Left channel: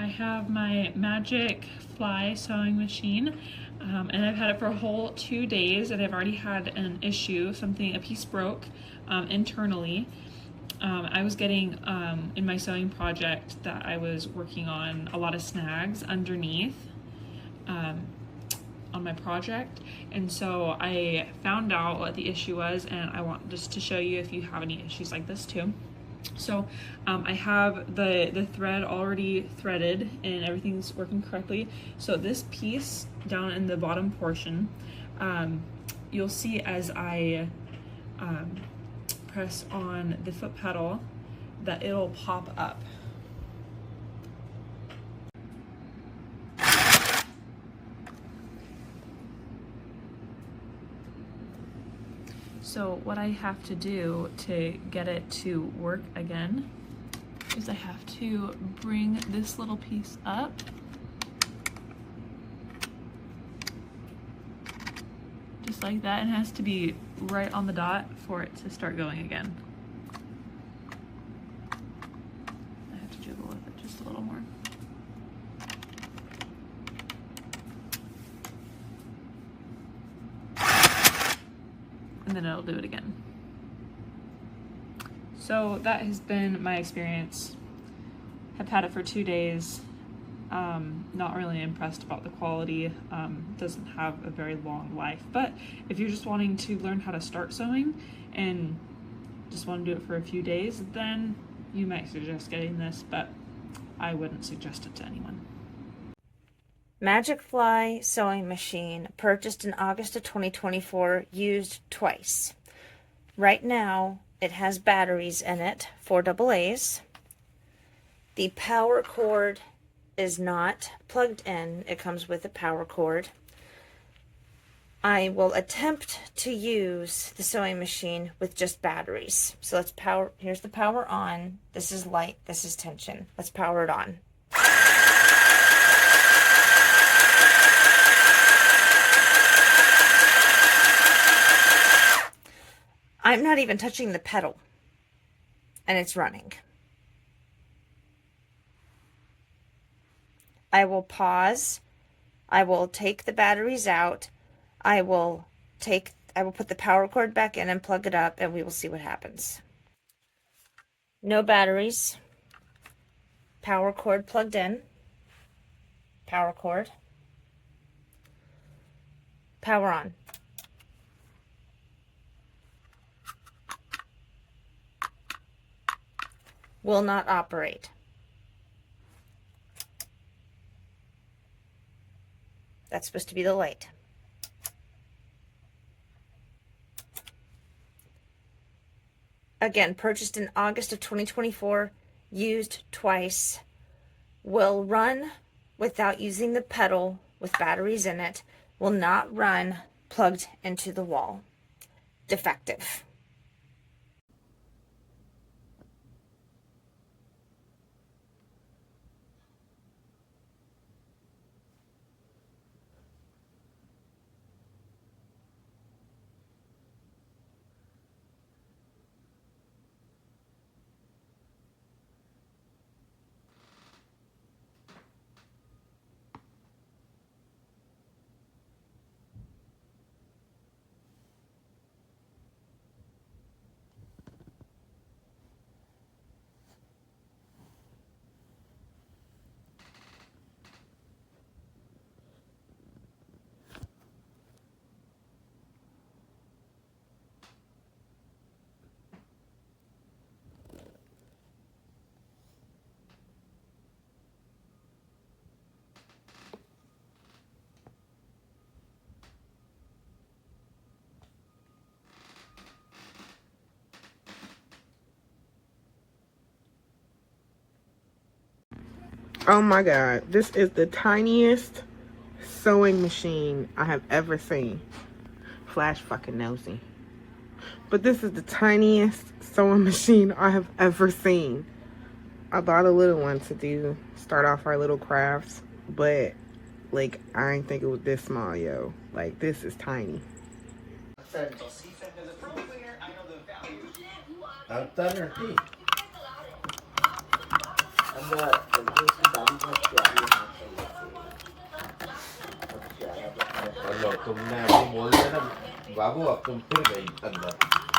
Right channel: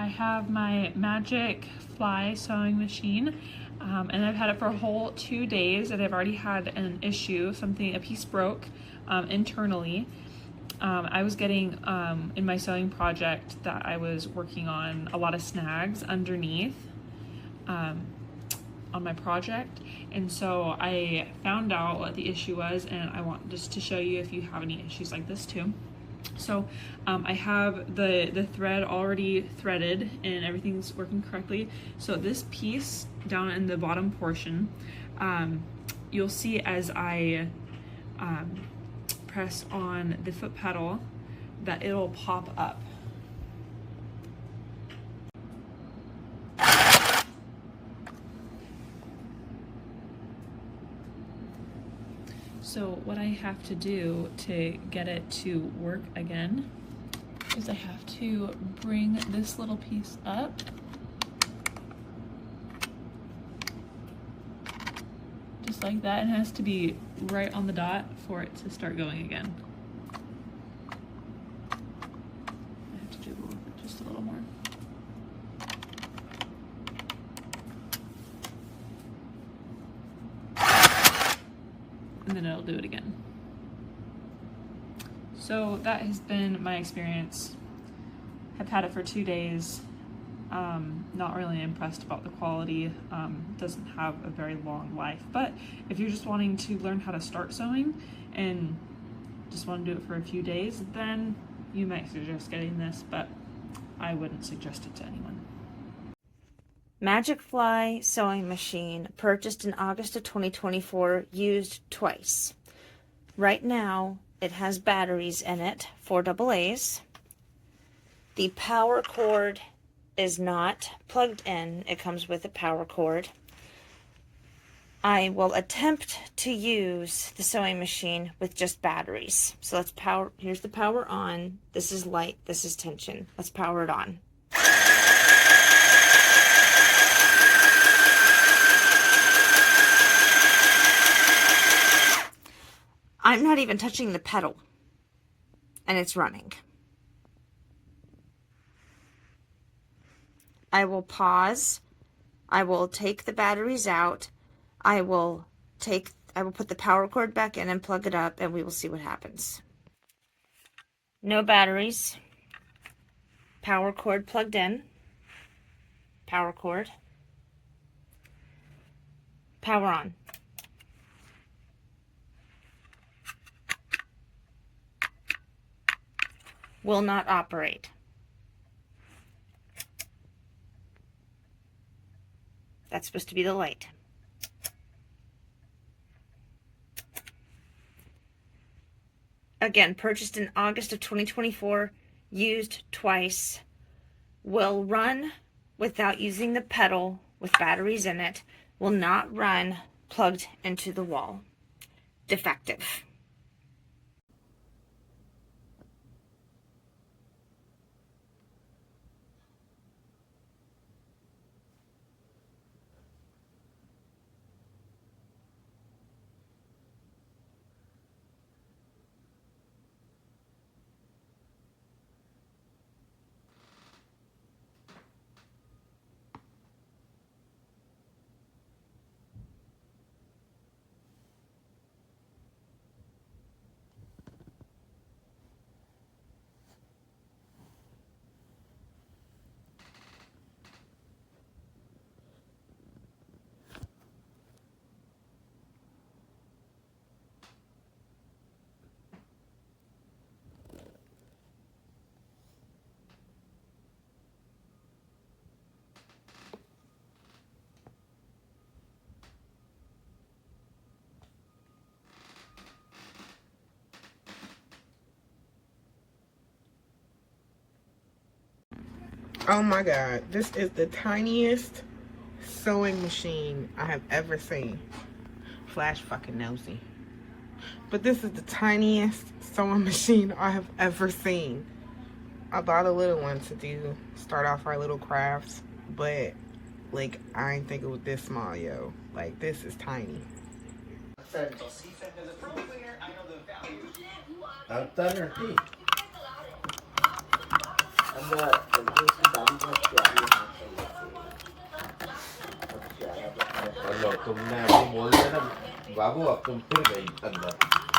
I have my Magicfly sewing machine, and I've had it for a whole 2 days, and I've already had an issue, a piece broke internally. I was getting, in my sewing project that I was working on, a lot of snags underneath on my project, and so I found out what the issue was, and I want just to show you if you have any issues like this too. So I have the thread already threaded and everything's working correctly. So this piece down in the bottom portion, you'll see as I press on the foot pedal that it'll pop up. So what I have to do to get it to work again is I have to bring this little piece up. Just like that, and it has to be right on the dot for it to start going again. I have to jiggle with it just a little more. And then it'll do it again. So that has been my experience. I've had it for 2 days. Not really impressed about the quality. Doesn't have a very long life. But if you're just wanting to learn how to start sewing and just want to do it for a few days, then you might suggest getting this, but I wouldn't suggest it to anyone. Magicfly sewing machine, purchased in August of 2024, used twice. Right now, it has batteries in it, 4 AA's. The power cord is not plugged in. It comes with a power cord. I will attempt to use the sewing machine with just batteries. So let's power, here's the power on. This is light, this is tension. Let's power it on. I'm not even touching the pedal, and it's running. I will pause. I will take the batteries out. I will put the power cord back in and plug it up, and we will see what happens. No batteries. Power cord plugged in. Power cord. Power on. Will not operate. That's supposed to be the light. Again, purchased in August of 2024, used twice. Will run without using the pedal with batteries in it. Will not run plugged into the wall. Defective. Oh my god, this is the tiniest sewing machine I have ever seen. Flash fucking nosy. But this is the tiniest sewing machine I have ever seen. I bought a little one to start off our little crafts, but like I ain't think it was this small, yo. Like this is tiny. लो तुमने अभी बोल दिया ना बाबू, अब तुम फिर गई अंदर।